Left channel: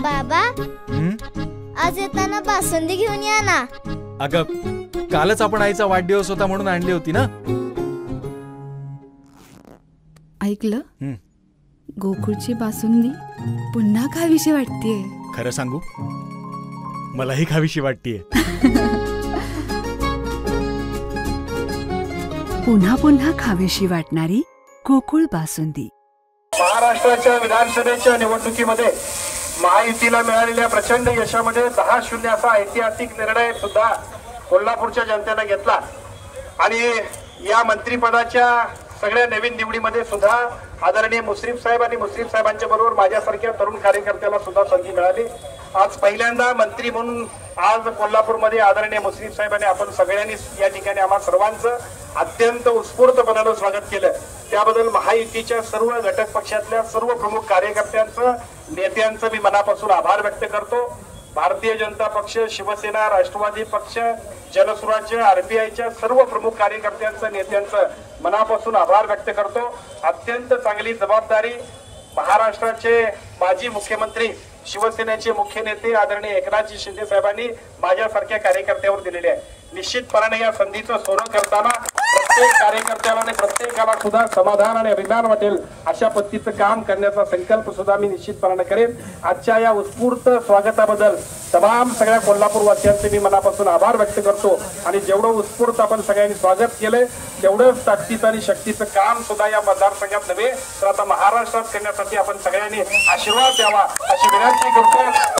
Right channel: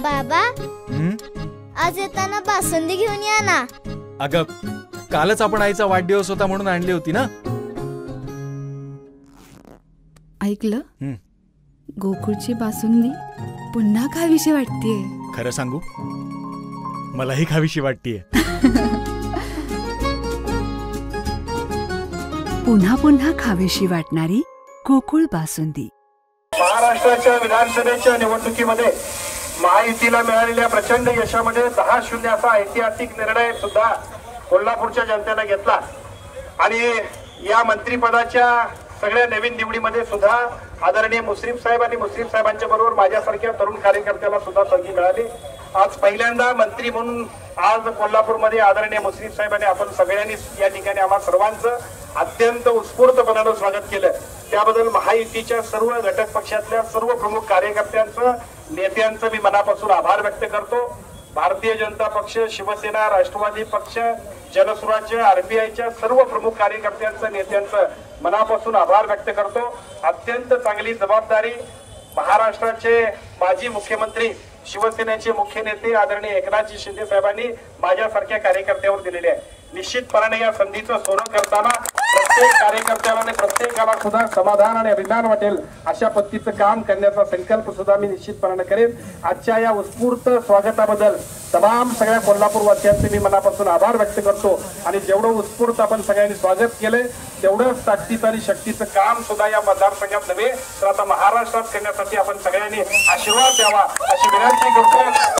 बाबा आज येताना बासुंदी घेऊन या ना. अगं कालच आपण आईचा वाढदिवस होता म्हणून आणली होती ना. ऐकलं, गोकुळची बासुंदी पुन्हा खावीशी वाटतेय. खरं सांगू, मलाही खावीशी वाटतेय. पुन्हा पुन्हा खावीशी वाटणारी गोकुळ बासुंदी. महाराष्ट्राच्या विधानसभेच्या निवडणुकीमध्ये महायुतीला मिळालेल्या प्रचंड यशामध्ये 10-0 असा ऐतिहासिक निर्णय सुद्धा कोल्हापूरच्या जनतेने घेतला आणि या मंत्रिपदाच्या सगळ्या नवीन निवडीमध्ये सुद्धा आदरणीय मुश्रीफ साहेब आणि मुश्रीफ साहेबांच्या बरोबर माझ्यासारख्या तरुण कार्यकर्त्याला सुद्धा संधी मिळाली. आज पहिल्यांदा मंत्री म्हणून आज कोल्हापूरमध्ये आदरणीय मुश्रीफ साहेबांनी आपण सगळ्यांनी या ठिकाणी आम्हा सर्वांचं अत्यंत उत्स्फूर्तपणानं स्वागत केलं. त्याबद्दल महायुतीच्या सर्व घटक पक्षातल्या सर्व प्रमुख कार्यकर्त्यांचं, नेत्यांचं मी मनापासून आभार व्यक्त करतो. भारतीय जनता पक्ष, शिवसेना, राष्ट्रवादी पक्ष, जनसुराज्य, आरपीआयच्या सर्व प्रमुख कार्यकर्त्यांचं, नेत्यांचं मनापासून आभार व्यक्त करतो. अत्यंत चांगली जबाबदारी महाराष्ट्राचे माजी मुख्यमंत्री, शिवसेनेचे मुख्य नेते आदरणीय एकनाथजी शिंदे साहेबांनी माझ्यासारख्या कार्यकर्त्यावर दिलेली आहे. निश्चितपणाने या संधीचं सोनं करताना प्रत्येक कार्यकर्त्याला आणि प्रत्येकाला सुद्धा समाधान आणि अभिमान वाटेल अशा पद्धतीचं काम करण्याचा संकल्प सुद्धा मी निश्चितपणाने करेन. आजच्या या उत्स्फूर्त स्वागताबद्दल तमाम सगळ्या कोल्हापूरवासियांचे मी मनापासून आभार व्यक्त करतो. आणि जेवढं उत्स्फूर्त आपण सगळ्यांनी स्वागत केलंय तेवढंच ताकदीचं आणि शक्तीचं काम सुद्धा या मतदारसंघात नव्हे तर आता महाराष्ट्रात करण्यासाठी आपण सगळ्यांनी आशीर्वाद द्यावा अशी विनंती करतो.